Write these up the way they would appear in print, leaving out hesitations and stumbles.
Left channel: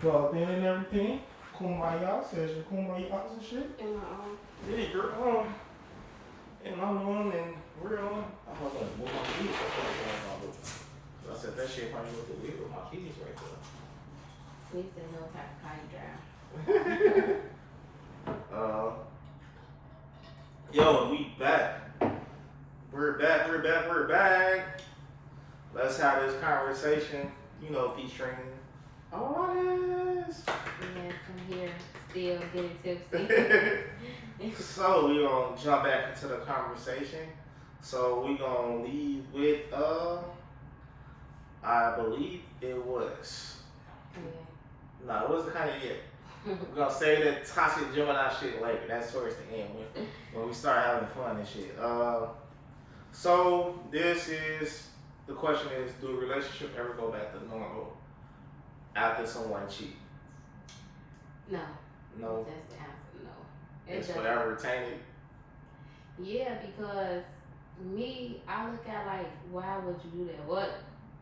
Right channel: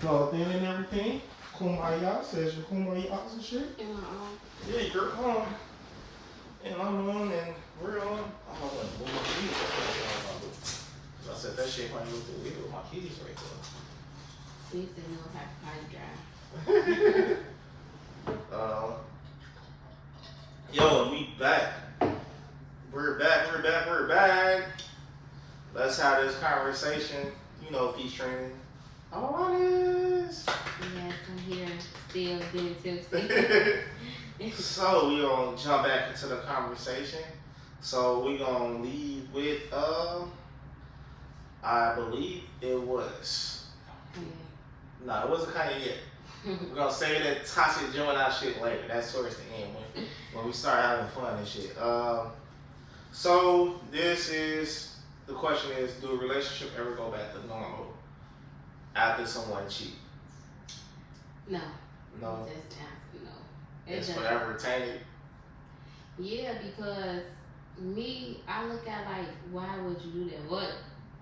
plugged in and everything. Kumbaya says your kumbaya and shit. In my own. Yeah, girl. And I'm on and we're on. I don't know what my keys are. I said that shit probably looked weird with my keys right there. Please say no type of drive. Yo, we back. We're back. Let's have this conversation, featuring Alanis. Yes, I'm here still getting tipsy. So we gonna jump back into the conversation. So we gonna lead with I believe it was. Yeah. No, it wasn't Kanye yet. We're gonna say that toxic Gemini shit later. That's towards the end when we start having fun and shit. So the question is, do a relationship ever go back to normal after someone cheat? No. No. That's the answer. No. It's forever retained. Yeah, because I look at like, why would you do that? What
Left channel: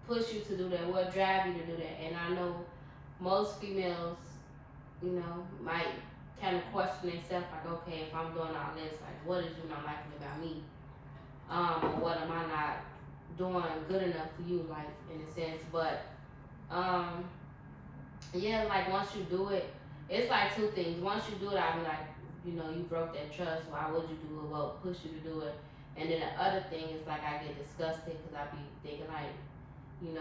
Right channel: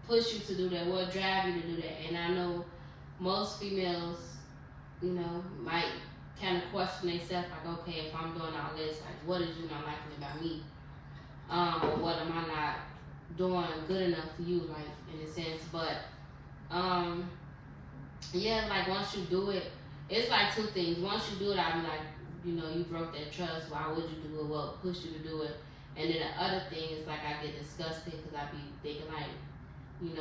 pushed you to do that? What drive you to do that? And I know most females, might kind of question themselves like, okay, if I'm doing all this, like, what is you not liking about me? Or what am I not doing good enough for you, like, in a sense? But, yeah, like, once you do it, it's like two things. Once you do it, I'll be like, you broke that trust. Why would you do it? What pushed you to do it? And then the other thing is, like, I get disgusted because I be thinking, like,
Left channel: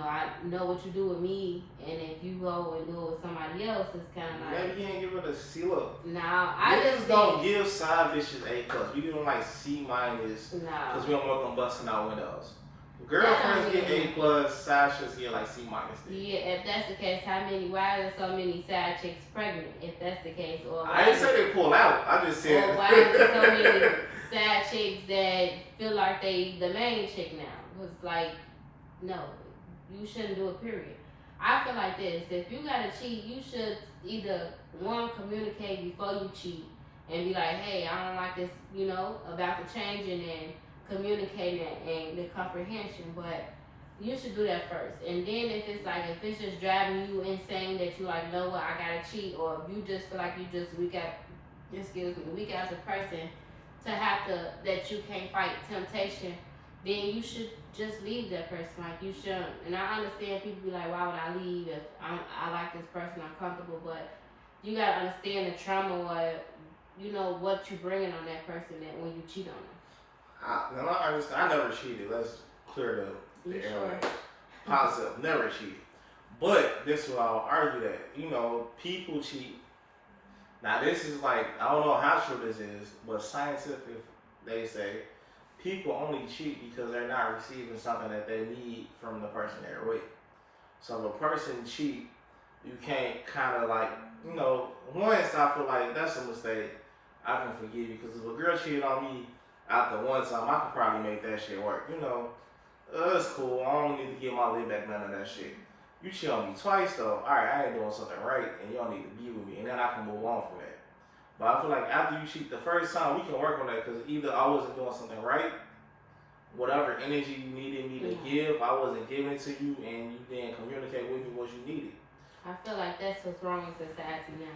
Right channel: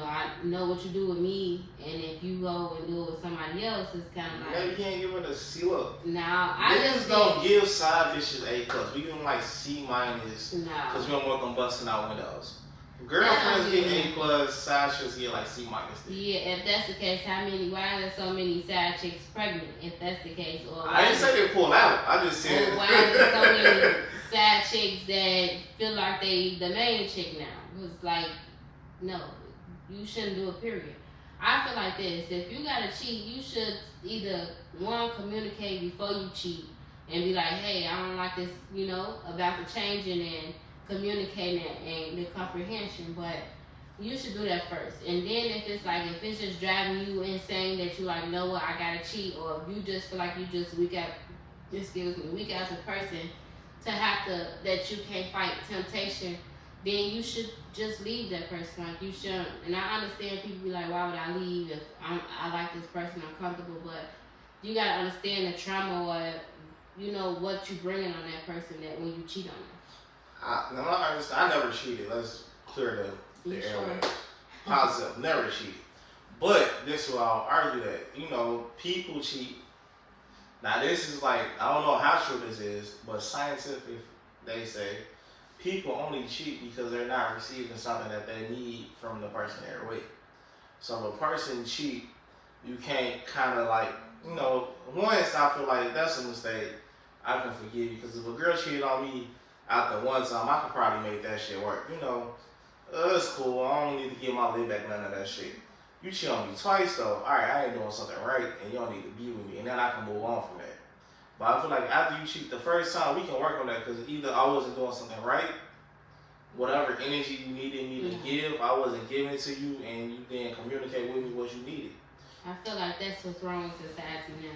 I know what you do with me, and if you go and do it with somebody else, it's kind of like... Maybe you can't give it a C look. Nah, I just don't give side bitches A+. We give them like C-, because we don't want them busting out windows. Girlfriends get A+, side chicks get like C-. Yeah, if that's the case, why are there so many side chicks pregnant, if that's the case? Or I didn't say they pull out, I just said... Or why are there so many side chicks that feel like they the main chick now? Because, like, no. You shouldn't do it, period. I feel like this. If you gotta cheat, you should either, one, communicate before you cheat and be like, hey, I don't like this, about the changing and communicating and the comprehension. But you should do that first. And then if it's just driving you insane that you like, know what, I gotta cheat, or if you just feel like you just weak as a person that you can't fight temptation, then you should just leave that person. Like, you shouldn't. And I understand people be like, why would I leave if I like this person, I'm comfortable, but you gotta understand the trauma or, what you bringing on that person that when you cheat on them. I never cheated. Let's clear the air. Sure? Positive, never cheated. But this is why I'll argue that, people cheat. Now this is like, I don't know how true this is, but scientific, they say, people only cheat because they're not receiving something that they need from the person they're with. So if a person cheat, you can't kind of like, once I feel like that's a mistake, I can forgive you. Because if a girl cheated on me after one time, I could probably make that shit work. It's cool. I don't need to get my lid back, none of that shit. You cheat on me twice though, alright, I ain't doing something right, and you don't need to be with me, and then I can move on from that. But I feel like after you cheat the first time, we can work on that, because either I wasn't doing something right, whatever energy you needed me to give, I wasn't giving it to you, and you didn't communicate with me what you needed. I feel like that's what's wrong with society now.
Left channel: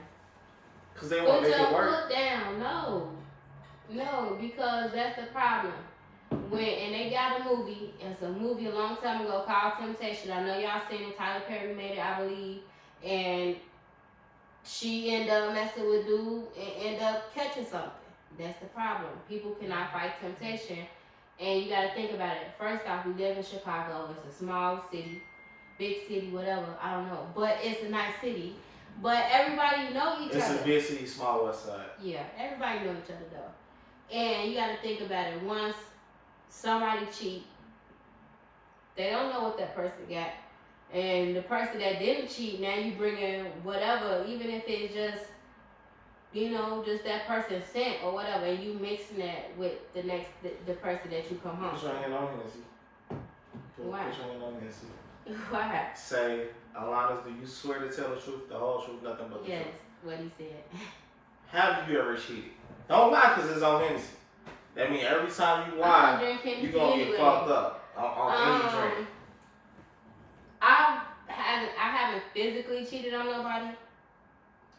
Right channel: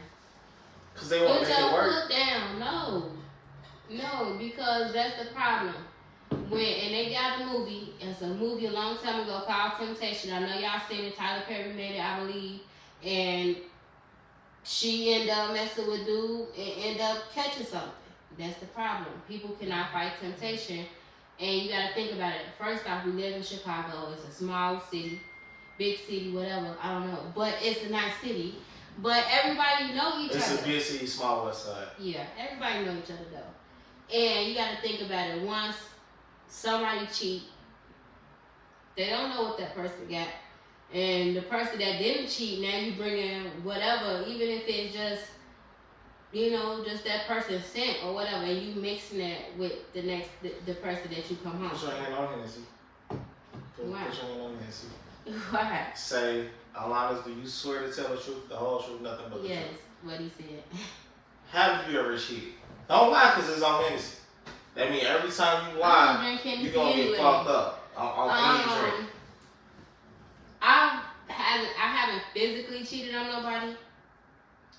Because they want to make it work. Put down, no, because that's the problem. And they got a movie, it's a movie a long time ago called Temptation. I know y'all seen it, Tyler Perry made it, I believe, and she ended up messing with dude and ended up catching something. That's the problem. People cannot fight temptation, and you gotta think about it. First off, we live in Chicago. It's a small city, big city, whatever, I don't know, but it's a nice city. But everybody know each other. It's a big city, small west side. Yeah, everybody know each other though. And you gotta think about it. Once somebody cheat, they don't know what that person got. And the person that didn't cheat, now you bring in whatever, even if it's just, just that person sent or whatever, and you mixing that with the person that you come home. Put your hand on Hennessy. Why? Put your hand on Hennessy. Why? Say, Alanis, do you swear to tell the truth, the whole truth, nothing but the truth? Yes, what he said. Have you ever cheated? Don't lie, because it's on Hennessy. That means every time you lie, you're going to get fucked up on any drink. I haven't physically cheated on nobody,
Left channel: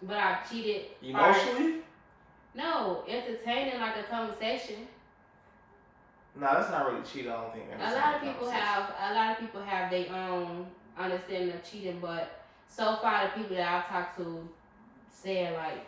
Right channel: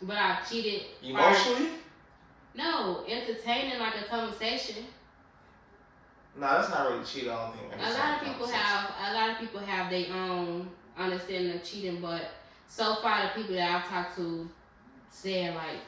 but I've cheated Emotionally? No, entertaining like a conversation. Nah, that's not really cheating. I don't think. A lot of people have their own understanding of cheating, but so far the people that I've talked to say like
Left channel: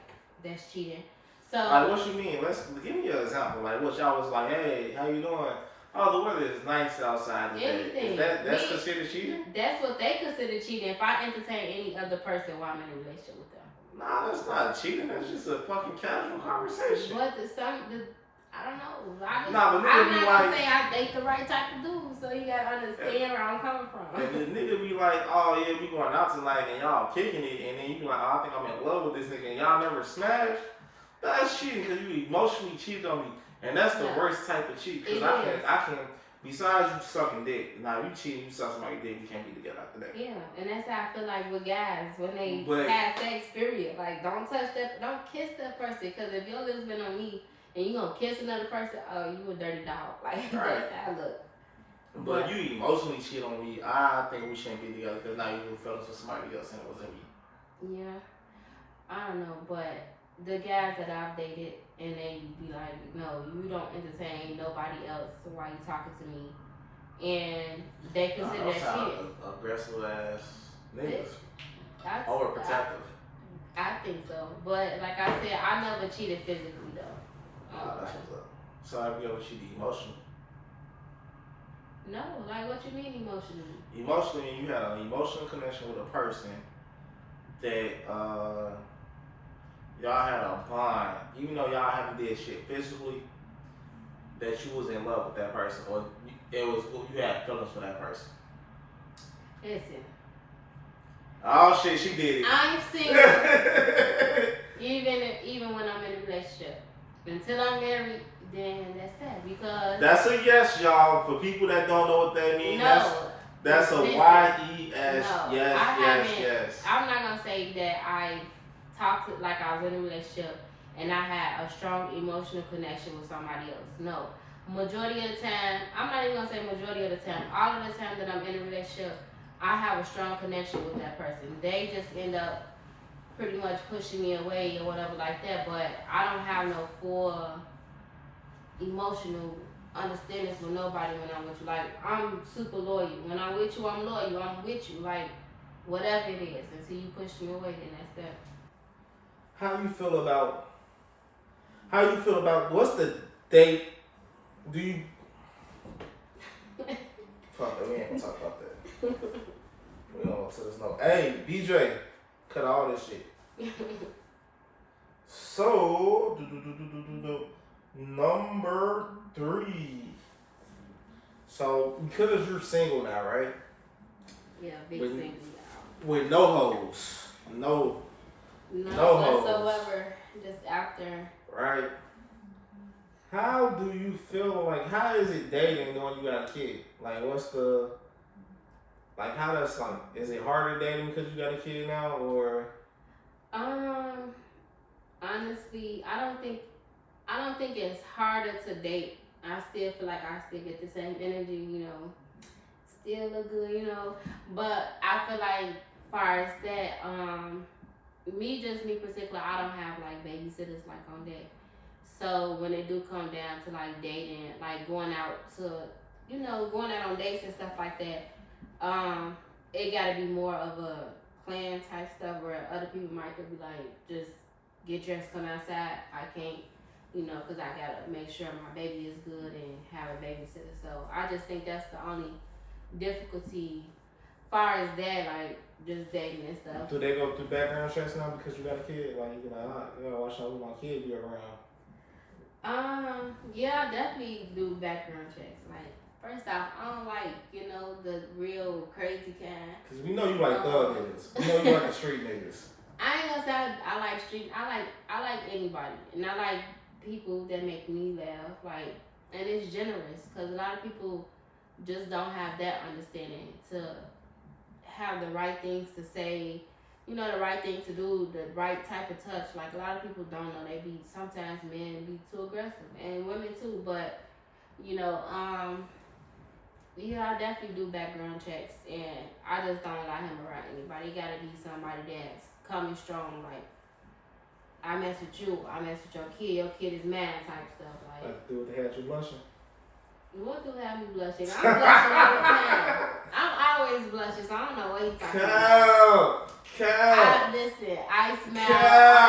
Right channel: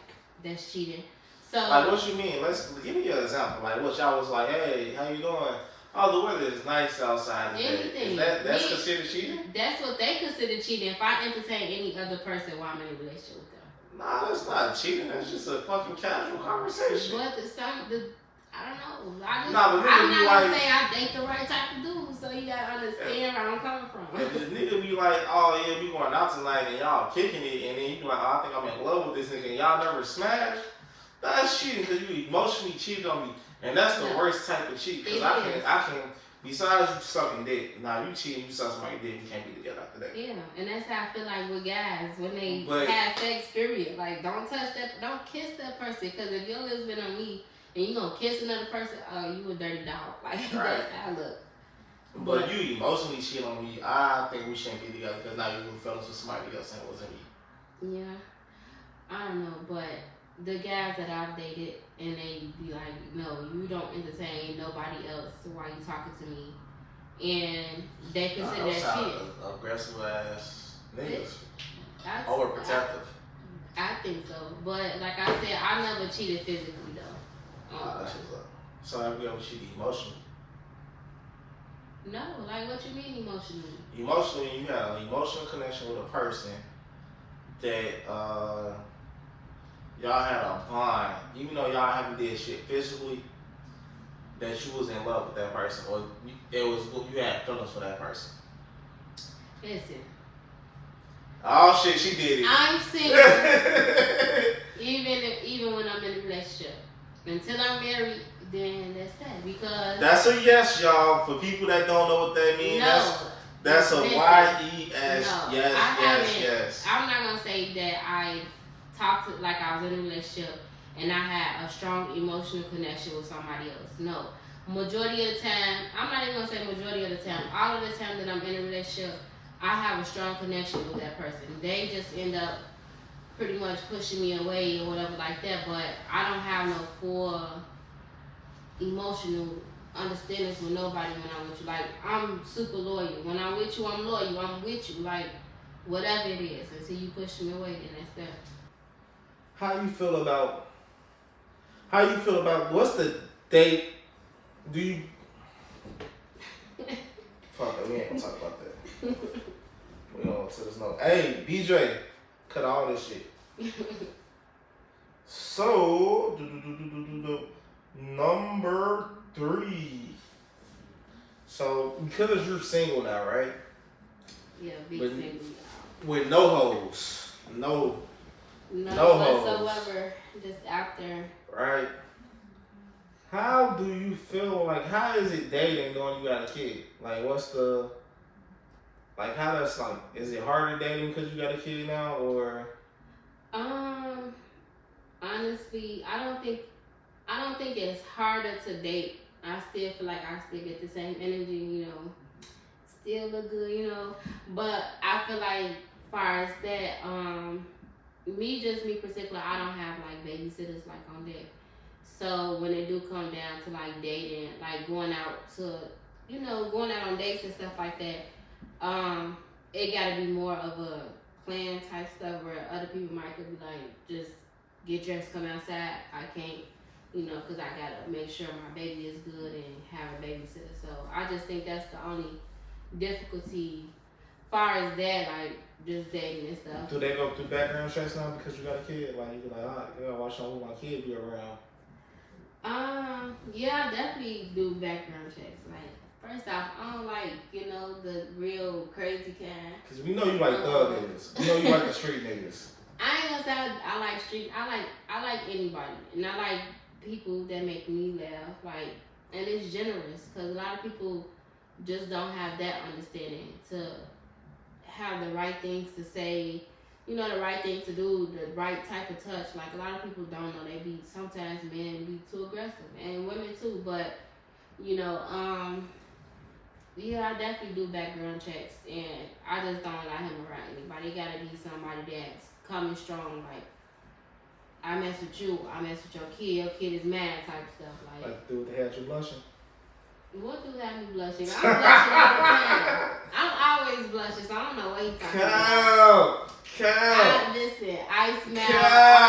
that's cheating. So like, what you mean? Let's give me an example. Like, what y'all was like, hey, how you doing? Oh, the weather is nice outside today. Anything. That's considered cheating? That's what they consider cheating. If I entertain any other person while I'm in a relationship with them. Nah, that's not cheating. That's just a fucking casual conversation. But I don't know. I'm not gonna say I date the right type of dude, so you gotta understand where I'm coming from. If the nigga be like, oh yeah, we going out tonight and y'all kicking it, and then you be like, oh, I think I'm in love with this nigga, and y'all never smash, that's cheating because you emotionally cheated on me, and that's the worst type of cheat. Because I can, besides you sucking dick, now you cheating, you suck somebody's dick, you can't be together after that. Yeah, and that's how I feel like with guys when they have sex. Period. Like, don't touch that, don't kiss that person, because if your lips been on me. And you gonna kiss another person? Oh, you a dirty dog. Like, that's how I look. But you emotionally cheat on me. I think we shouldn't be together because now you were feelings with somebody else and it wasn't me. Yeah. I don't know, but the guys that I've dated and they be like, no, you don't entertain nobody else while you talking to me. And they consider that cheating. Aggressive ass niggas. Overprotective. I think so. But like I said, I never cheated physically though. That's what's up. So have you ever cheated emotionally? No, like what you mean emotionally? Emotionally, you had an emotional connection with a person that y'all had a bond, even though y'all haven't did shit physically, that you was in love with that person, or you had feelings for that person. Listen. Oh shit, she did it. I'm single. even when I'm in a relationship. Until I'm married, then that's that. Because that's a yes, y'all. For people that don't know what that means, that's a Y-E-S. No, yes. I'm not gonna say that I talked to, like I was in a relationship and I had a strong emotional connection with somebody else. No. Majority of the time, I'm not even gonna say majority of the time. All of the time that I'm in a relationship, I have a strong connection with that person. They just end up pretty much pushing me away or whatever like that, but I don't have no full emotional understandings with nobody when I'm with you. Like, I'm super loyal. When I'm with you, I'm loyal. I'm with you. Like, whatever it is. Until you push me away, then that's that. How you feel about what's the date? Do you fuck it, we ain't gonna talk about that. We don't so there's no hey BJ, cut all this shit. So number 3. So because you're single now, right? Yeah, single now. With no hoes. No whatsoever. Just out there. Right. How do you feel, like, how is it dating when you got a kid? Like, how that's like, is it harder dating because you got a kid now, or? Honestly, I don't think it's harder to date. I still feel like I still get the same energy, still look good, but I feel like far as that, me particular, I don't have like babysitters like on deck. So when it do come down to like dating, like going out on dates and stuff like that, it gotta be more of a plan type stuff where other people might could be like, just get dressed, come outside. I can't, because I gotta make sure my baby is good and have a babysitter. So I just think that's the only difficulty far as that, like just dating and stuff. Do they go through background checks now because you got a kid? Like, you be like, you gotta watch out who my kid be around. Yeah, I definitely do background checks. Like, first off, I don't like, the real crazy kind. Cause we know you like thug niggas. We know you like the street niggas. I ain't gonna say I like street. I like anybody, and I like people that make me laugh. Like, and it's generous, cause a lot of people just don't have that understanding to have the right things to say. The right thing to do, the right type of touch. Like, a lot of people don't know. Sometimes men be too aggressive, and women too. But, I definitely do background checks, and I just don't allow him around anybody. It gotta be somebody that's coming strong, like, I mess with you, I mess with your kid is mad type stuff. Like the dude that had you blushing? What do have me blushing? I'm blushing all the time. I'm always blushing, so I don't know what he's talking about. Listen, I smile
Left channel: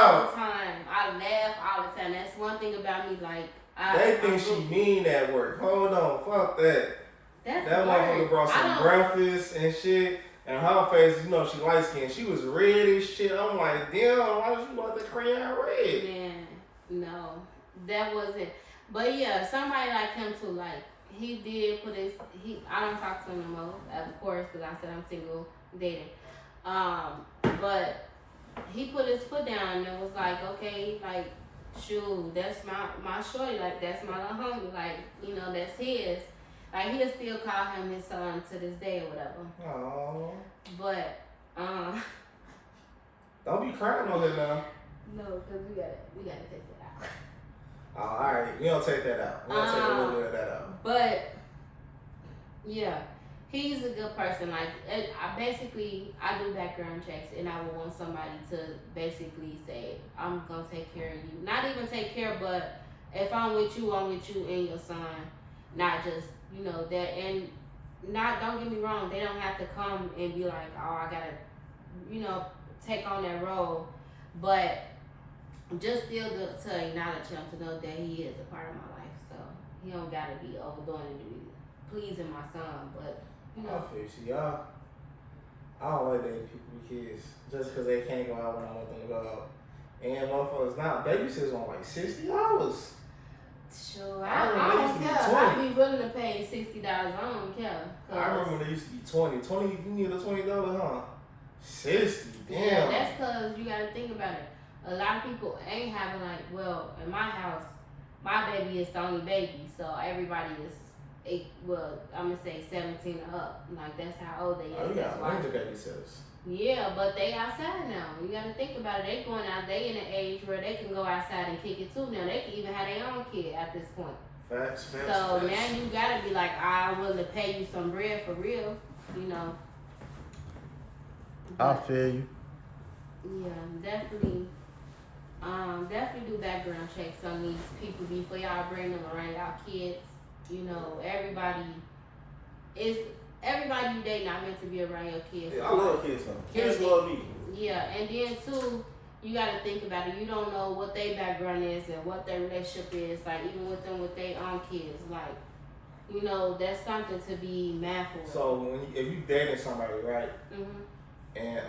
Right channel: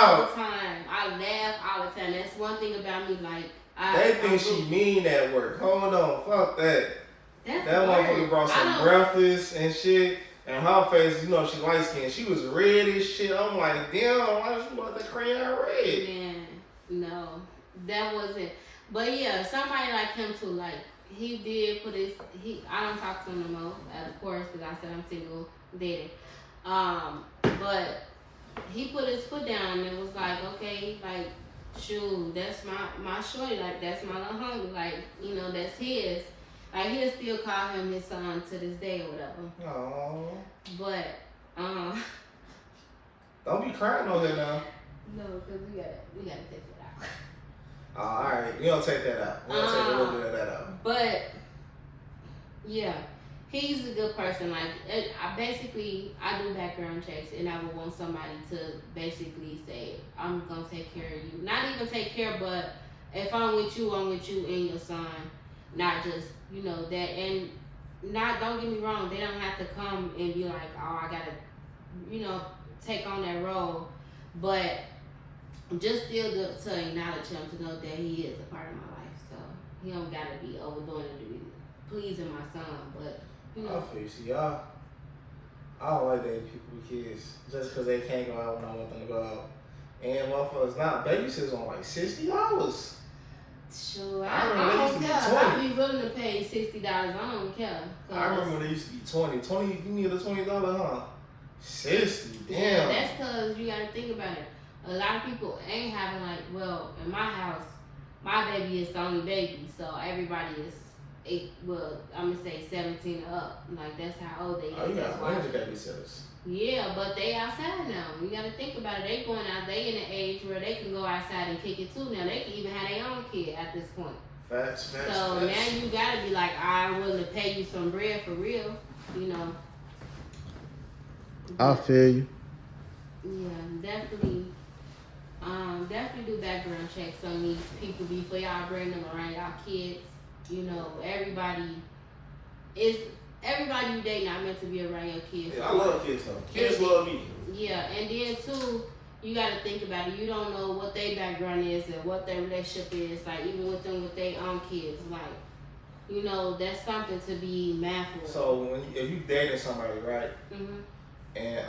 all the time. I laugh all the time. That's one thing about me, like, they think she mean at work. Hold on, fuck that. That motherfucker brought some breakfast and shit. And her face, you know, she light skinned. She was red as shit. I'm like, damn, why did you want the crayon red? Man, no, that wasn't. But yeah, somebody like him too. Like, he did put his. I don't talk to him no more, of course, because I said I'm single, dating. But he put his foot down and was like, okay, like, shoot, that's my shorty. Like, that's my little homie. Like, you know, that's his. Like, he'll still call him his son to this day or whatever. Aww. But, don't be crying on there now. No, because we gotta take it out. Oh, alright. We don't take that out. We don't take a little bit of that out. But, yeah, he's a good person. Like, I do background checks, and I would want somebody to basically say, I'm gonna take care of you. Not even take care, but if I'm with you and your son. Not just, you know, that, and don't get me wrong, they don't have to come and be like, oh, I gotta, you know, take on that role, but just still to acknowledge him, to know that he is a part of my life, so he don't gotta be overdoing it to be pleasing my son, but, you know. I feel you. See, y'all, I don't like dating people with kids, just because they can't go out when I want them to go out. And motherfuckers, now babysitters on like $60. Sure, I don't care. I'd be willing to pay $60. I don't care. I remember when they used to be 20. 20, you need a $20, huh? 60, damn. Yeah, that's because you got to think about it. A lot of people ain't having, like, well, in my house, my baby is the only baby, so everybody is I'm going to say 17 or up. Like, that's how old they is. Oh, you got plenty of babysitters. Yeah, but they outside now. You got to think about it. They going out. They in an age where they can go outside and kick it too. Now they can even have their own kid at this point. Facts. So now you got to be like, I'm willing to pay you some bread for real. You know. I feel you. Yeah, definitely. Definitely do background checks on these people before y'all bring them around y'all kids. You know, everybody you date not meant to be around your kids. Yeah, I love kids though. Kids love me. Yeah, and then too, you gotta think about it. You don't know what their background is and what their relationship is. Like, even with them with their own kids, like, you know, that's something to be mindful of. So if you dating somebody, right? Mm-hmm. And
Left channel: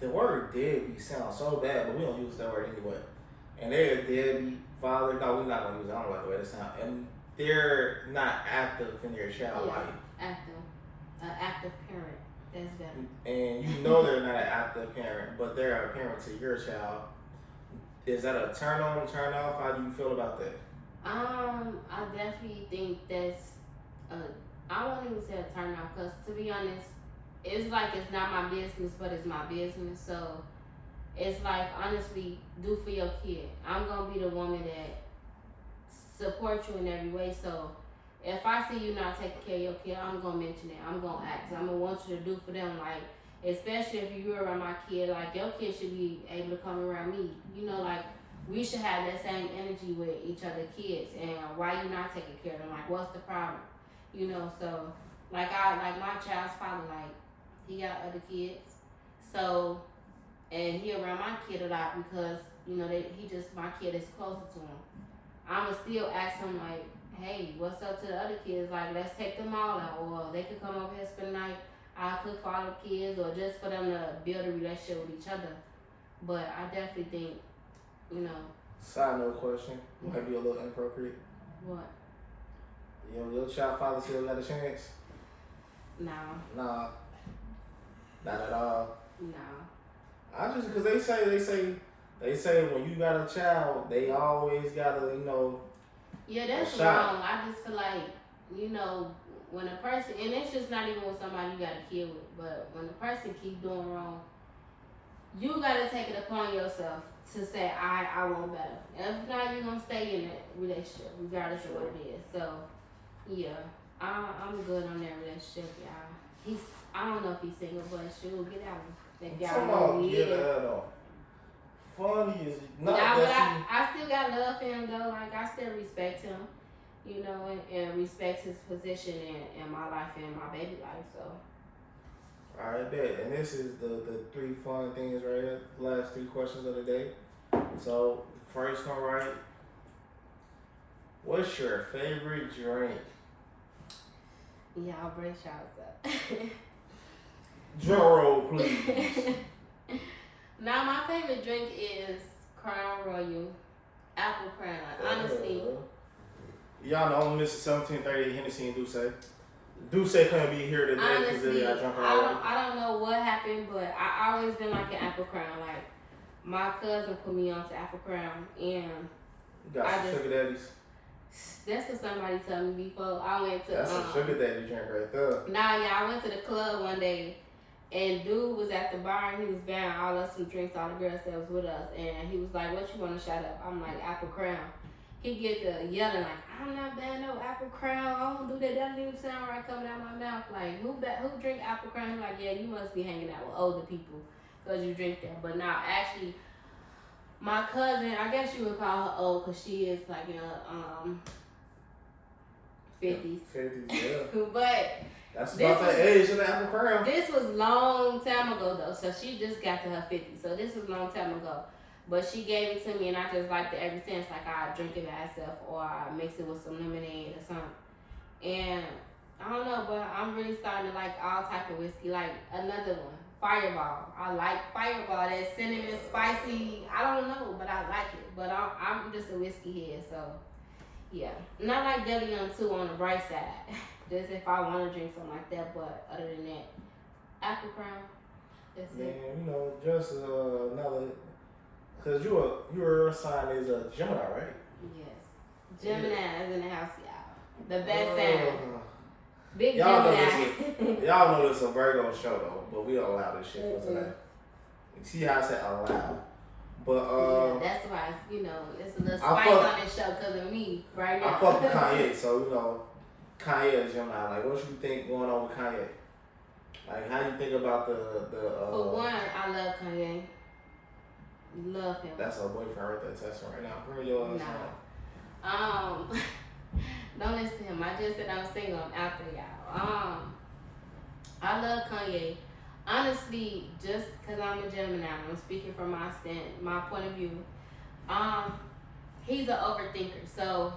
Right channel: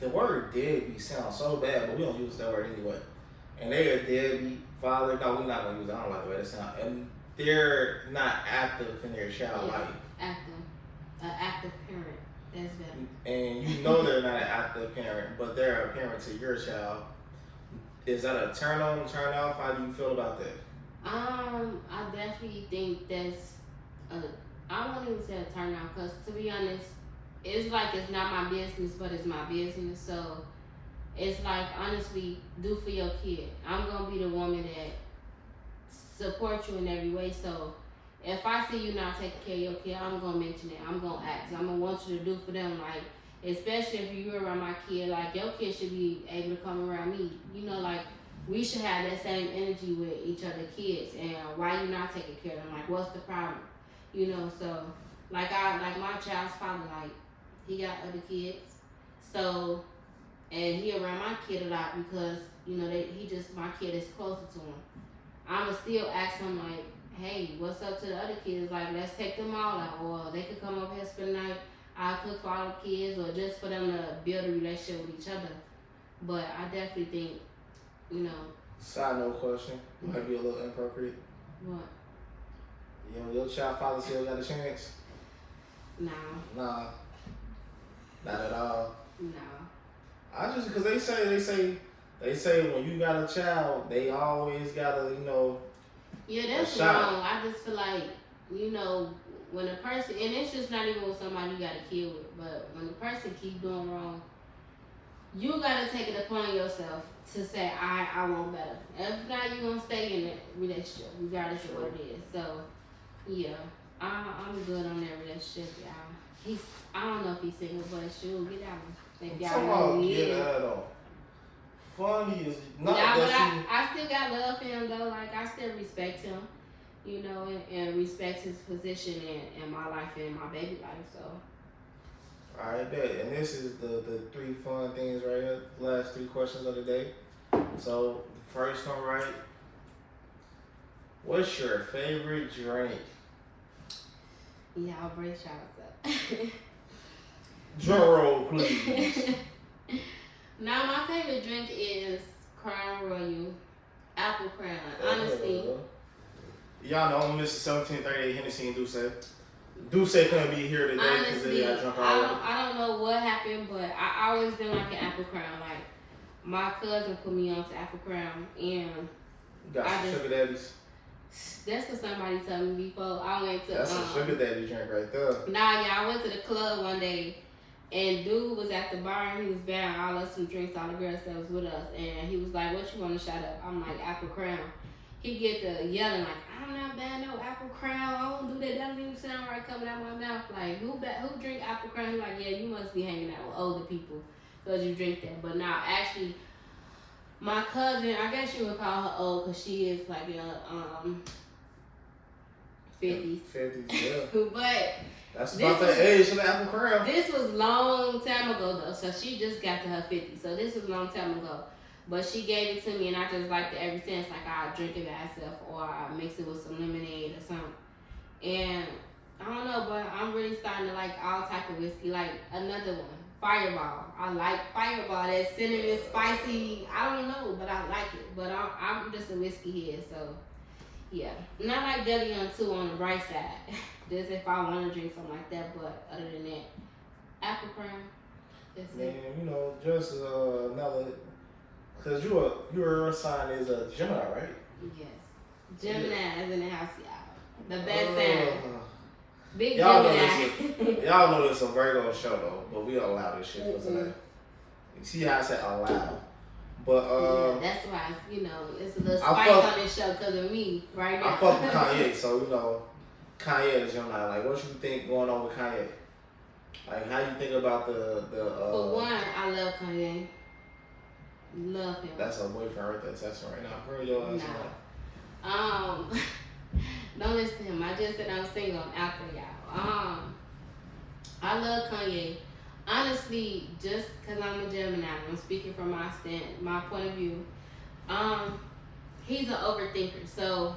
the word deadbeat sounds so bad, but we don't use that word anyway. And they're a deadbeat father. No, we're not gonna use it. I don't like the way that sounds. And they're not active in their child life. Active parent. That's better. And you know they're not an active parent, but they're a parent to your child. Is that a turn on, turn off? How do you feel about that? I definitely think that's I won't even say a turn off, because to be honest, it's like it's not my business, but it's my business. So it's like, honestly, do for your kid. I'm gonna be the woman that support you in every way. So if I see you not taking care of your kid, I'm gonna mention it. I'm gonna ask. I'm gonna want you to do for them. Like, especially if you're around my kid, like, your kid should be able to come around me. You know, like, we should have that same energy with each other kids. And why you not taking care of them? Like, what's the problem? You know, so like my child's father, like, he got other kids. So, and he around my kid a lot because, you know, my kid is closer to him. I'ma still ask him, like, hey, what's up to the other kids? Like, let's take them all out, or they could come over here spend the night. I'll cook for all the kids, or just for them to build a relationship with each other. But I definitely think, you know. Side note question, might be a little inappropriate. What? Your child father still got a chance? No. Nah. Not at all. No. I just, because they say when you got a child, they always gotta, you know. Yeah, that's wrong. I just feel like, you know, when a person, and it's just not even with somebody you got a kid with, but when the person keeps doing wrong, you gotta take it upon yourself to say, I want better. And if not, you're gonna stay in that relationship, regardless of what it is. So, yeah. I'm good on that relationship, y'all. I don't know if he's single, but shoot, get out. If y'all Come know on, who he get is. that on. Funny is not Nah, but that I still got love for him though. Like I still respect him, you know, and respect his position in my life and my baby life. So. Alright, bet. And this is the 3 fun things right here. The last 3 questions of the day. So, first one, right? What's your favorite drink? Y'all brace y'all up. Drum roll, please. Now, my favorite drink is Crown Royal, Apple Crown. Honestly. Y'all know I'm Mr. 1738 Hennessy and Duce. Duce couldn't be here today because they got drunk already. I don't know what happened, but I always been like an Apple Crown. Like, my cousin put me on to Apple Crown, and You got some sugar daddies. that's what somebody told me before. I went to That's a sugar daddy drink right there. Nah, yeah, I went to the club one day, and dude was at the bar, and he was buying all us some drinks, all the girls that was with us, and he was like, "What you want to shut up?" I'm like, "Apple Crown." He get to yelling like, "I'm not buying no Apple Crown. I don't do that. That doesn't even sound right coming out my mouth. Like, who drink Apple Crown?" He's like, "Yeah, you must be hanging out with older people because you drink that." But now, actually, my cousin, I guess you would call her old because she is like in her 50s. 50s, yeah. But That's about the age of the Apple Crown. this was long time ago though, so she just got to her 50s. So this was long time ago. But she gave it to me, and I just liked it ever since. Like, I drink it by itself, or I mix it with some lemonade or something. And I don't know, but I'm really starting to like all type of whiskey. Like another one, Fireball. I like Fireball. That cinnamon spicy. I don't know, but I like it. But I'm just a whiskey head, so yeah. And I like Deli on too on the bright side. Just if I want to drink something like that. But other than that, Apple Crown. That's Man, it. you know, just another. Because your sign is a Gemini, right? Yes. Gemini is in the house, y'all. The best sign. Big y'all Gemini. Y'all know this is a Virgo show though, but we don't allow this shit for tonight. You see how I said allow? But yeah, that's why it's a little spice on this show because of me right now. I fuck with Kanye, so Kanye is Gemini. Like, what you think going on with Kanye? Like, how you think about the For one, I love Kanye. Love him. That's her boyfriend right there texting right now. Bring your ass on. Don't listen to him. I just said I'm single. I'm out there, y'all. I love Kanye. Honestly, just because I'm a Gemini, I'm speaking from my point of view. He's an overthinker. So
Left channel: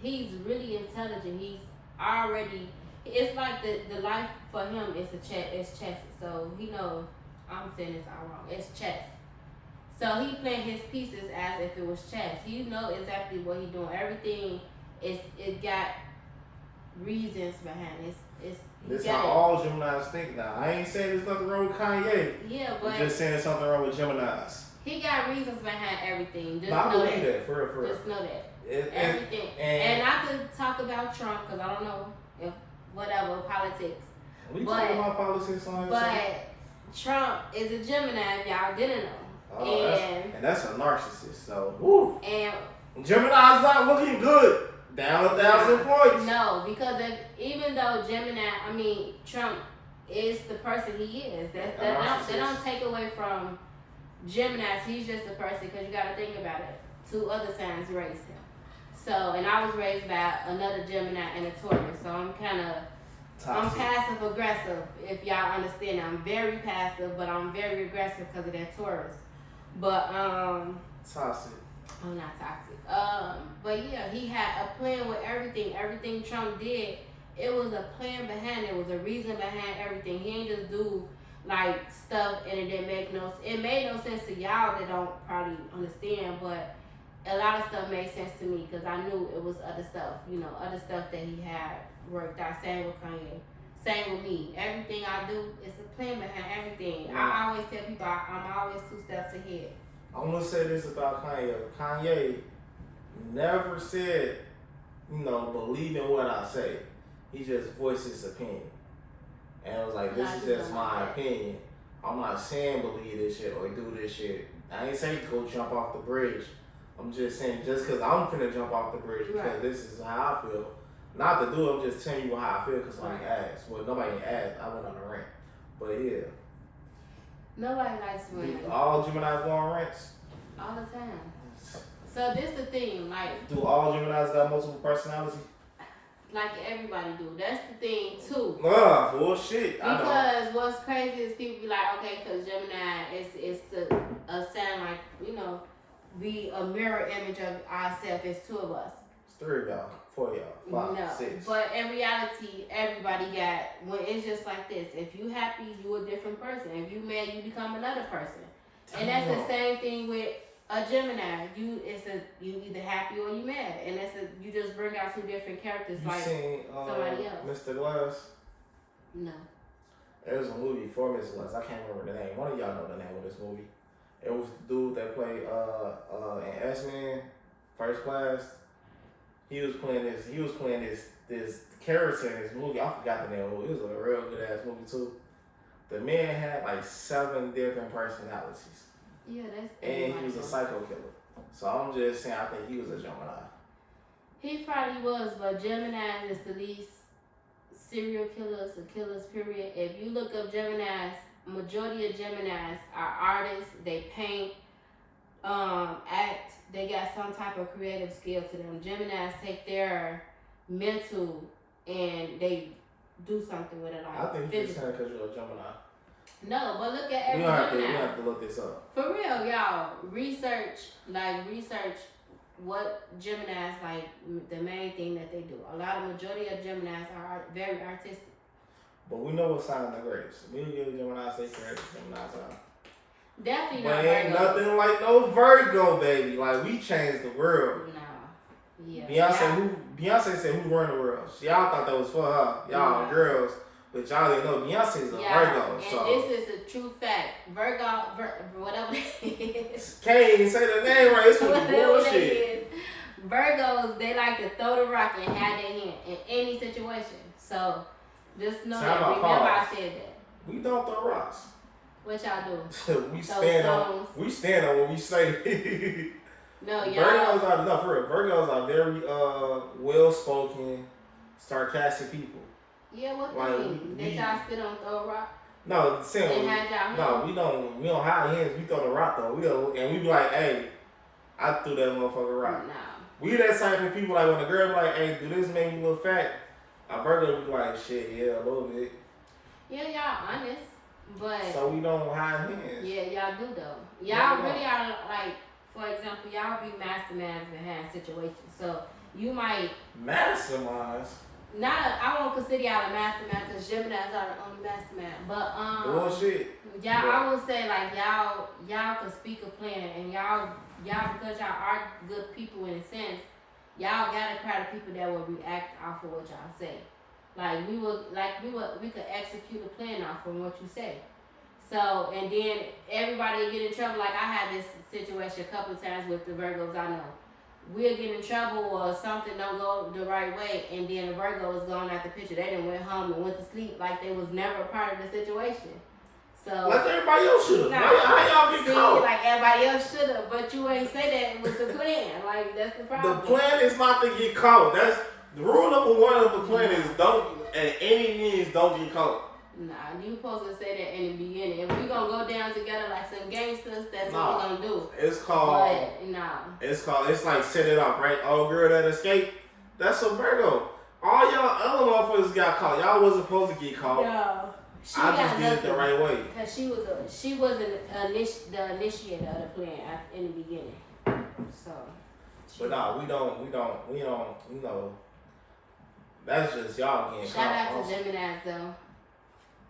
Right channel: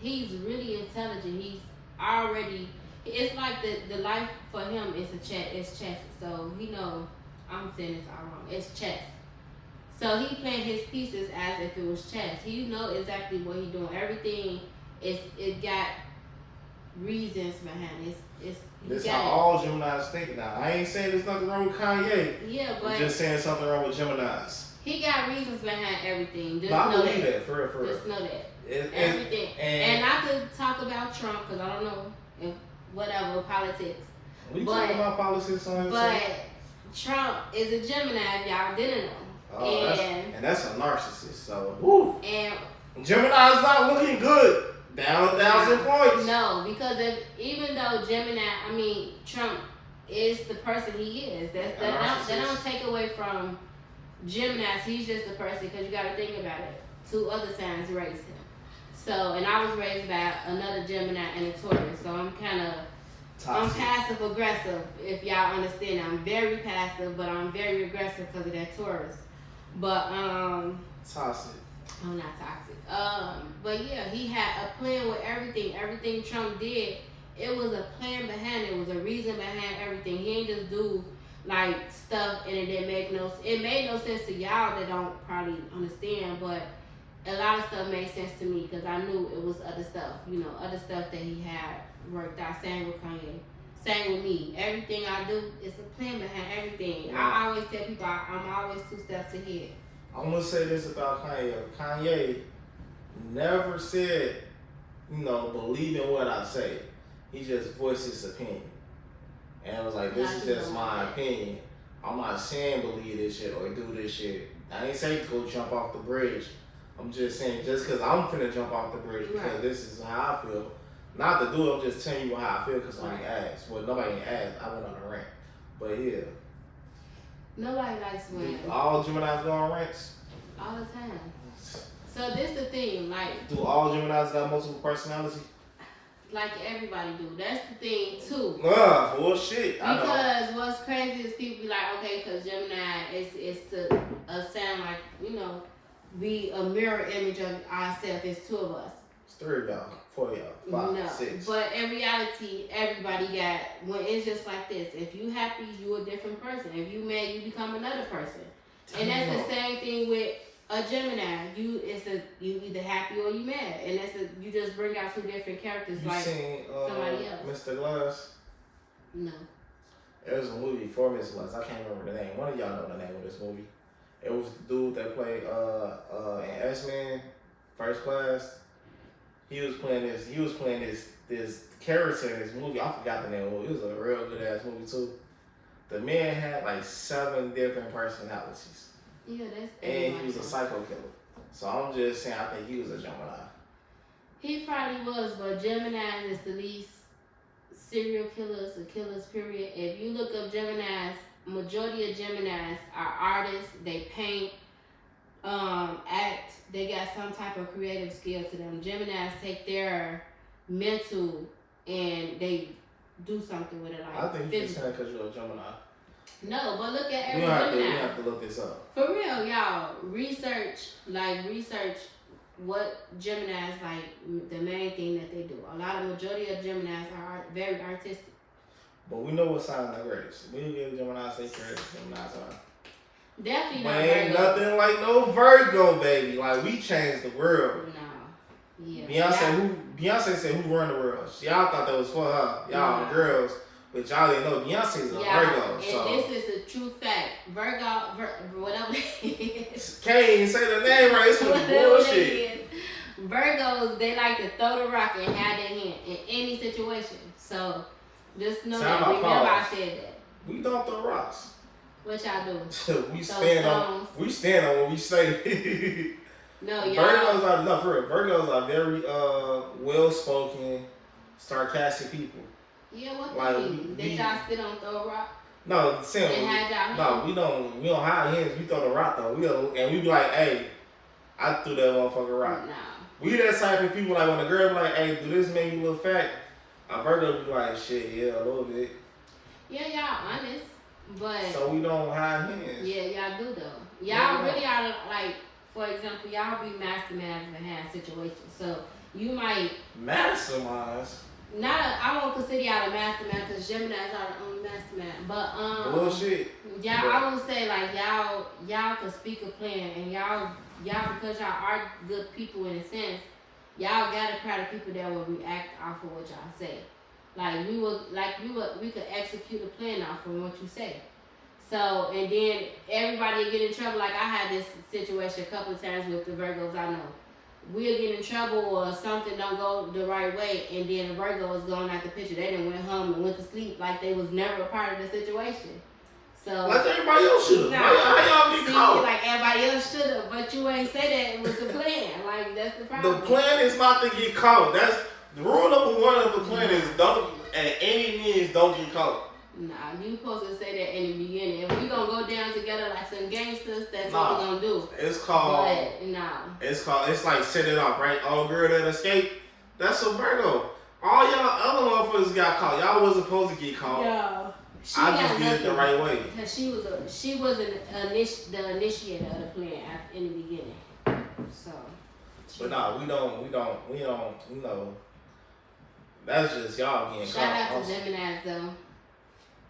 he's really intelligent. It's like the life for him is chess. So he knows, I'm saying this all wrong. It's chess. So he playing his pieces as if it was chess. He know exactly what he's doing. Everything it got reasons behind it. This how all Geminis think now. I ain't saying there's nothing wrong with Kanye. Yeah, but I'm just saying something wrong with Geminis. He got reasons behind everything. Just I know believe that. For real. Just know that. Everything. And I could talk about Trump because I don't know if whatever politics. We talking about politics on this. But Trump is a Gemini. If y'all didn't know. And that's a narcissist. So, woo. And Gemini's not looking good. Down 1,000 points. No, because even though Trump is the person he is. That don't take away from Geminis. He's just a person because you got to think about it. 2 other signs raised him. So, and I was raised by another Gemini and a Taurus. So I'm I'm passive aggressive. If y'all understand, I'm very passive, but I'm very aggressive because of that Taurus. But toxic. I'm not toxic. But yeah, he had a plan with everything. Everything Trump did, it was a plan behind it. It was a reason behind everything. He ain't just do like stuff and it didn't make it made no sense to y'all that don't probably understand, but a lot of stuff made sense to me because I knew it was other stuff, other stuff that he had worked out. Same with Kanye. Same with me. Everything I do is a plan behind everything. Yeah. I always tell people I'm always 2 steps ahead. I'm gonna say this about Kanye. Kanye never said, believe in what I say. He just voiced his opinion. And it was like, this is just my opinion. I'm not saying believe this shit or do this shit. I ain't saying go jump off the bridge. I'm just saying, just because I'm finna jump off the bridge because this is how I feel, Not to do it, I'm just telling you how I feel because somebody asked. Well, nobody asked. I went on a rant. But yeah. Nobody likes when All Geminis go on rants? all the time. So this the thing, like. Do all Geminis got multiple personality? Like everybody do. That's the thing too. Bullshit. Because what's crazy is people be like, okay, because Gemini is a sound like, you know, be a mirror image of ourselves. It's two of us. It's 3 of y'all, 4 of y'all, 5, 6. But in reality, everybody got, when it's just like this. If you happy, you a different person. If you mad, you become another person. And that's the same thing with a Gemini. You either happy or you mad, and you just bring out 2 different characters. You like seen somebody else. Mr. Glass? No. There's a movie for Mr. Glass. I can't remember the name. One of y'all know the name of this movie. It was the dude that played in X-Men First Class. He was playing this character in this movie. I forgot the name of the movie. It was a real good ass movie too. The man had like 7 different personalities. Yeah, that's. And he was a psycho killer. So I'm just saying, I think he was a Gemini. He probably was, but Gemini is the least serial killers or killers, period. If you look up Geminis, majority of Geminis are artists. They paint, act. They got some type of creative skill to them. Geminis take their mental and they do something with it. Like I think you're just saying because you're a Gemini. No, but look at every You Gemini. have to look this up. For real, y'all. Research what Geminis, like, the main thing that they do. A lot of majority of Geminis are very artistic. But we know what sign the greatest. We give Gemini say greatest. Geminis are. Definitely But not ain't Virgo. nothing like no Virgo, baby. Like, we changed the world. No. Yeah. Beyonce said who run the world. Y'all thought that was for her. Y'all girls. But y'all didn't know Beyonce's a Virgo. And so this is a true fact. Virgo, whatever it is. Can't even say the name right. It's some bullshit. Virgos, they like to throw the rock and have their hand in any situation. So just know that. Remember I said that. We don't throw rocks. What y'all do? we stand on what we say. No, y'all. Virgos are very well spoken, sarcastic people. Yeah, what like, do you mean? That y'all still don't throw a rock? No, we don't hide hands. We throw the rock though. We be like, hey, I threw that motherfucker rock. Nah. We that type of people, like when a girl be like, hey, do this make you look fat? A Virgo be like, shit, yeah, a little bit. Yeah, y'all honest, but so we don't hide hands. Yeah, y'all do though. Y'all really are like, for example, y'all be masterminds in hand situations. So you might masterminds. I won't consider y'all a mastermind because Geminis are the only mastermind. But bullshit. Y'all, I would say like y'all can speak a plan, and y'all because y'all are good people in a sense. Y'all got a crowd of people that will react off of what y'all say. We could execute a plan off from what you say. So and then everybody get in trouble. Like I had this situation a couple of times with the Virgos I know. We'll get in trouble or something don't go the right way, and then the Virgo was going out the picture. They done went home and went to sleep like they was never a part of the situation. So like everybody else should have. How y'all get caught? Like everybody else should have, but you ain't say that it was the plan. Like that's the problem. The plan is not to get caught. That's the rule number 1 of the plan is don't at any means don't get caught. Nah, you supposed to say that in the beginning. If we gonna go down together like some gangsters, that's what we gonna do. It's called. But, nah. It's like set it off, right? Oh, girl that escaped. That's a Virgo. All y'all other motherfuckers got caught. Y'all wasn't supposed to get caught. Yeah. I just did it the right way. Cause she was the initiator of the plan in the beginning. So. But nah, we don't. You know. That's just y'all getting caught. Shout out to Geminis though.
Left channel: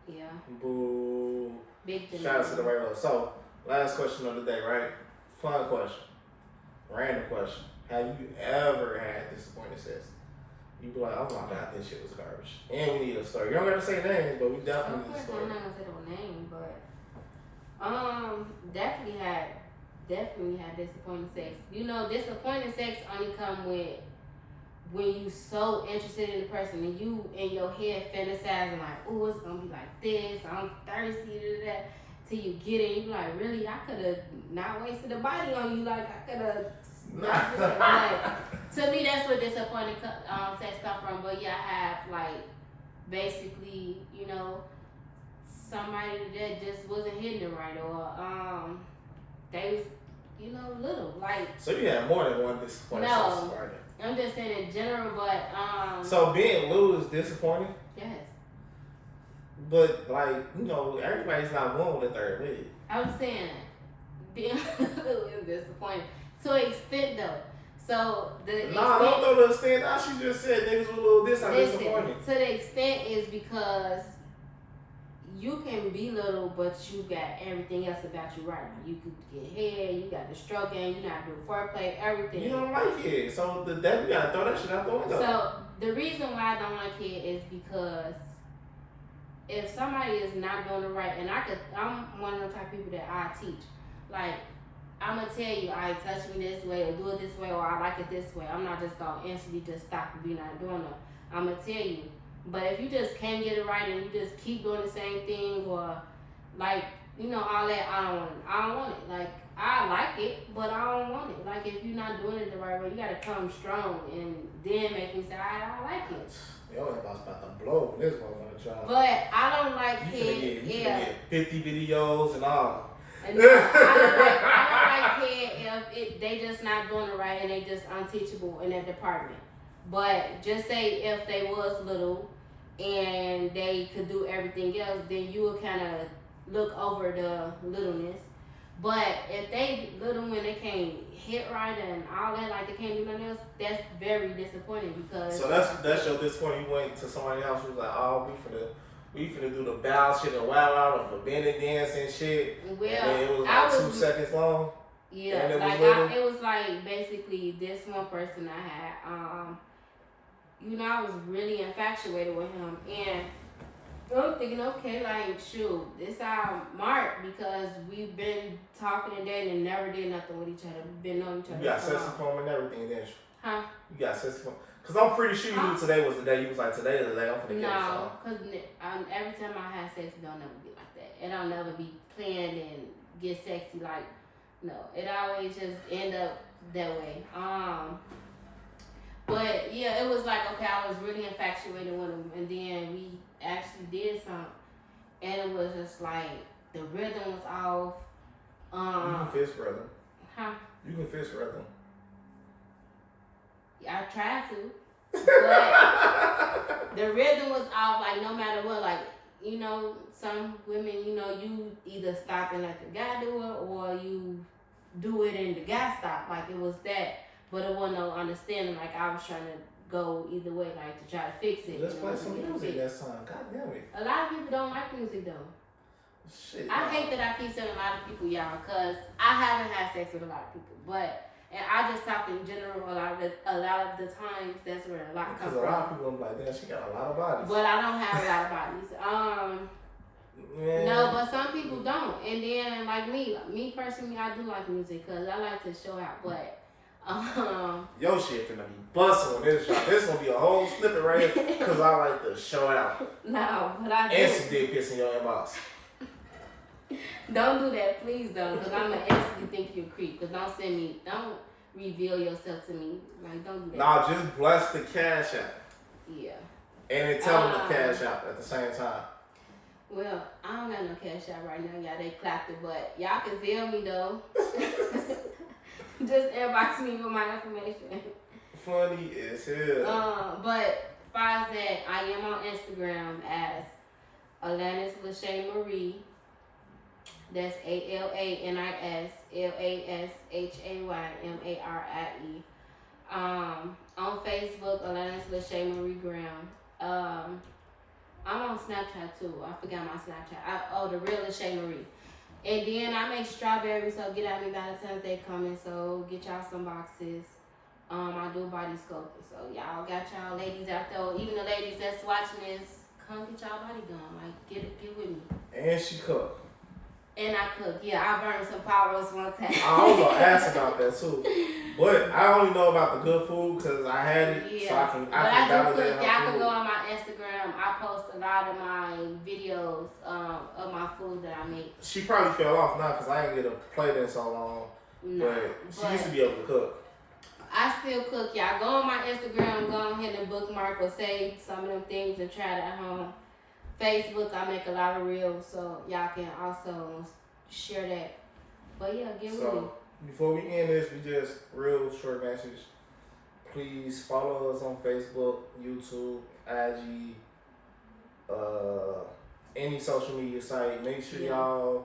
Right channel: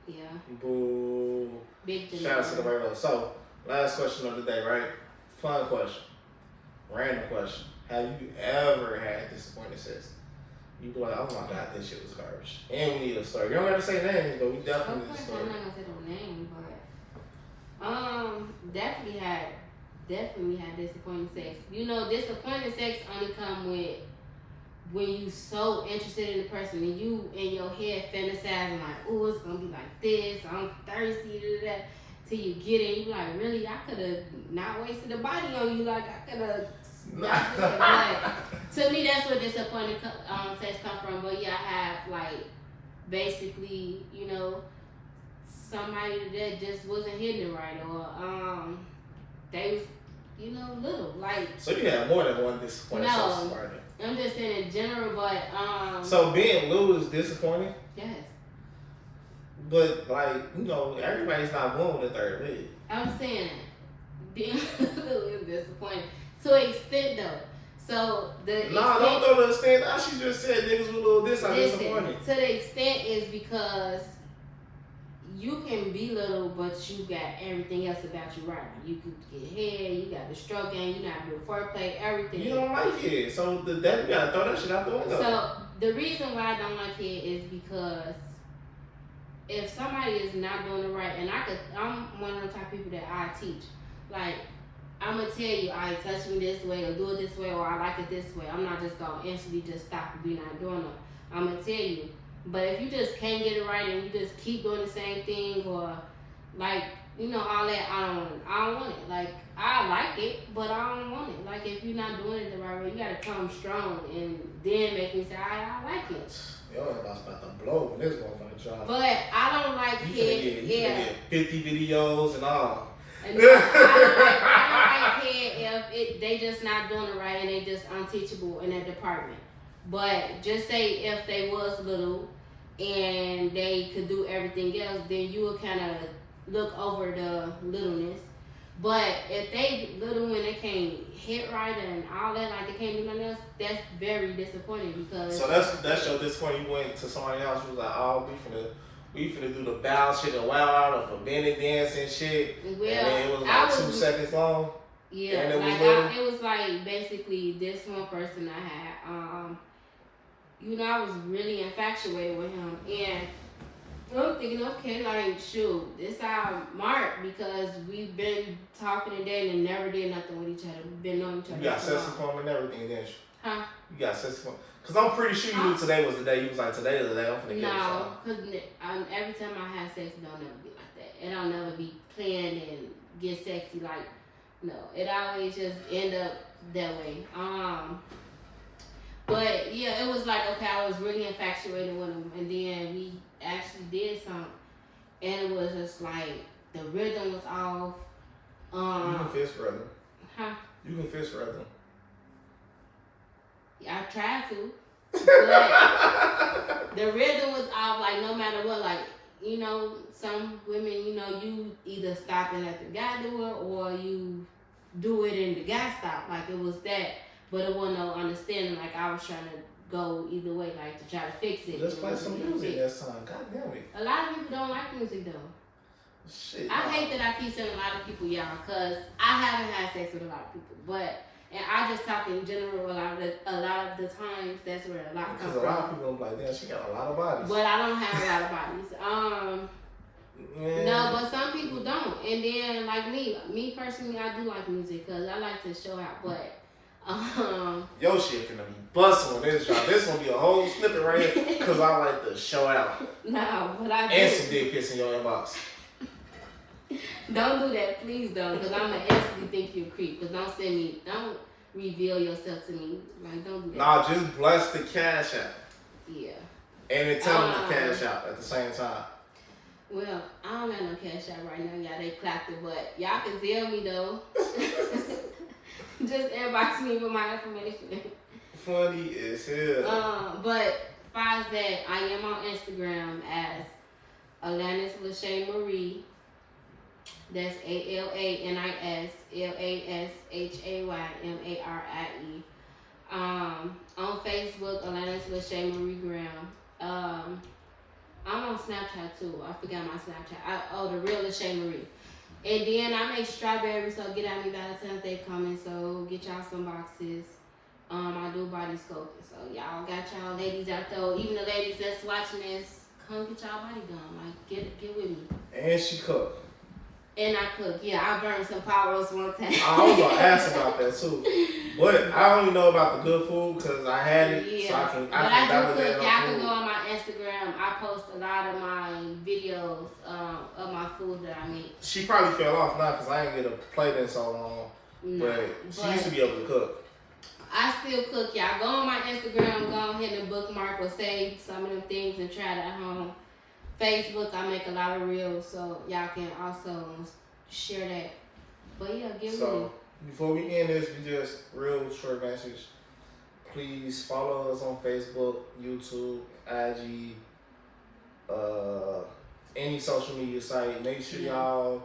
Yeah. Boo. Big Gemini. Shout out to the Virgo. So, last question of the day, right? Fun question. Random question. Have you ever had disappointing sex? You be like, oh my god, this shit was garbage. And we need a story. You don't gotta say names, but we definitely need a story. I'm not gonna say the name, but definitely had disappointing sex. You know, disappointing sex only come with when you so interested in the person and you in your head fantasizing like, oh, it's gonna be like this, I'm thirsty, that, till you get it, you be like, really, I could have not wasted a body on you, like I could have But to me, that's where disappointing sex come from. But yeah, I have like basically, you know, somebody that just wasn't hitting it right, or they was, you know, little like. So you had more than one disappointing sex partner. I'm just saying in general, but So being little is disappointing. Yes. But like, you know, everybody's not born with a third leg. I'm saying being little is disappointing to an extent though. So don't throw the extent. I should just said niggas with a little this. I'm disappointed. To the extent is because you can be little, but you got everything else about you right now. You could get head, you got the stroke game, you know how to do foreplay, everything. You don't like it, so that you gotta throw that shit out the window. So the reason why I don't like it is because if somebody is not doing it right, and I'm one of the type of people that I teach. Like, I'm gonna tell you, I touch me this way, or do it this way, or I like it this way. I'm not just gonna instantly just stop and be not doing it. I'm gonna tell you. But if you just can't get it right and you just keep doing the same thing, or like, you know, all that, I don't want it. I don't want it. Like, I like it, but I don't want it. Like, if you're not doing it the right way, you gotta come strong and then make me say, I like it. Yo, I was about to blow this motherfucker job. But I don't like it. You get 50 videos and all. And no, I don't like head if they just not doing it right and they just unteachable in that department. But just say if they was little and they could do everything else, then you would kind of look over the littleness. But if they little when they can't hit right and all that, like they can't do nothing else, that's very disappointing because. So that's your disappointment. You went to somebody else who was like, oh, we finna do the bow shit and wow out of forbidden dance and shit. Well, and then it was like 2 seconds long. Yeah, it was like basically this one person I had. You know, I was really infatuated with him, and I'm thinking, okay, like, shoot, this our mark because we've been talking and dating and never did nothing with each other. We've been knowing each other. You got sexy for him and everything, didn't you? Huh? You got sexy for him. Because I'm pretty sure you knew today was the day. You was like, today is the day I'm finna get it. No, because every time I have sex, it don't never be like that. It don't never be planned and get sexy. Like, no, it always just end up that way. But yeah, it was like, okay, I was really infatuated with him, and then we actually did something, and it was just like the rhythm was off. You can fist rhythm. Huh? You can fist rhythm. Yeah, I tried to, but the rhythm was off. Like no matter what, like you know, some women, you know, you either stop and let the guy do it, or you do it and the guy stop. Like it was that. But it wasn't no understanding, like I was trying to go either way, like to try to fix it. Let's play some music that song. God damn it. A lot of people don't like music though. Shit. I hate that I keep saying a lot of people, y'all, because I haven't had sex with a lot of people. But, and I just talk in general a lot of the times, that's where a lot comes from. Because a lot of people be like, damn, she got a lot of bodies. But I don't have a lot of bodies. No, but some people don't. And then, like me personally, I do like music because I like to show out, but your shit finna be busting on this drop. This gonna be a whole snippet right here because I like to show out. No, but I do. And some dick pics in your inbox. Don't do that, please don't, because I'm gonna instantly think you're a creep. Because don't reveal yourself to me. Like, don't do that. Nah, just bless the cash out. Yeah. And then tell them to cash out at the same time. Well, I don't got no cash out right now, y'all. They clapped it, but y'all can tell me though. Just inbox me with my information. Funny as hell. But besides that, I am on Instagram as Alanis Marie. That's ALANIS LASHAYMARIE. On Facebook, Alanis Marie Graham. I'm on Snapchat too. I forgot my Snapchat. The real Lachey Marie. And then I make strawberries, so get at me Valentine's Day coming. So get y'all some boxes. I do body sculpting. So y'all got y'all ladies out there. Even the ladies that's watching this, come get y'all body done. Like get with me. And she cooked. And I cook. Yeah, I burned some pot roast one time. I was gonna ask about that too, but I only know about the good food because I had it, yeah. so I can do cook. Y'all can go on my Instagram. I post a lot of my videos of my food that I make. She probably fell off now because I ain't get to play that so long. No, but she used to be able to cook. I still cook. Y'all go on my Instagram, go ahead and bookmark or save some of them things and try it at home. Facebook, I make a lot of reels, so y'all can also share that. But yeah, get with me. So before we end this, we just real short message. Please follow us on Facebook, YouTube, IG, any social media site. Make sure y'all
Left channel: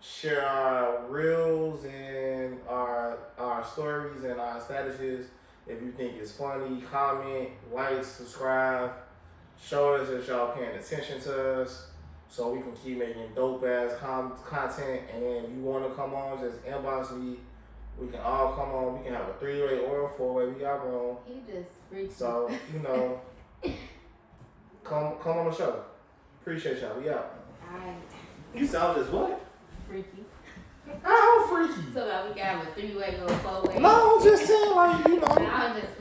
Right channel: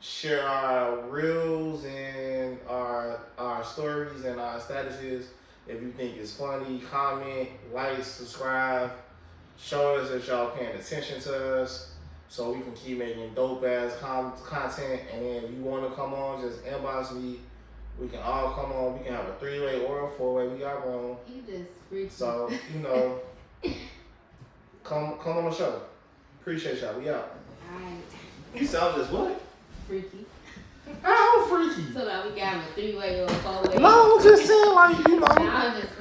share our reels and our stories and our statuses. If you think it's funny, comment, like, subscribe. Show us that y'all paying attention to us so we can keep making dope ass content. And then if you want to come on, just inbox me. We can all come on. We can have a 3-way or a 4-way. We got room. You just freaky. So, you know, come on the show. Appreciate y'all. We out. Alright. You sound just what? Freaky. I'm freaky. So that we can have a 3-way or a 4-way. No, I'm just saying, like, you know. No, I'm just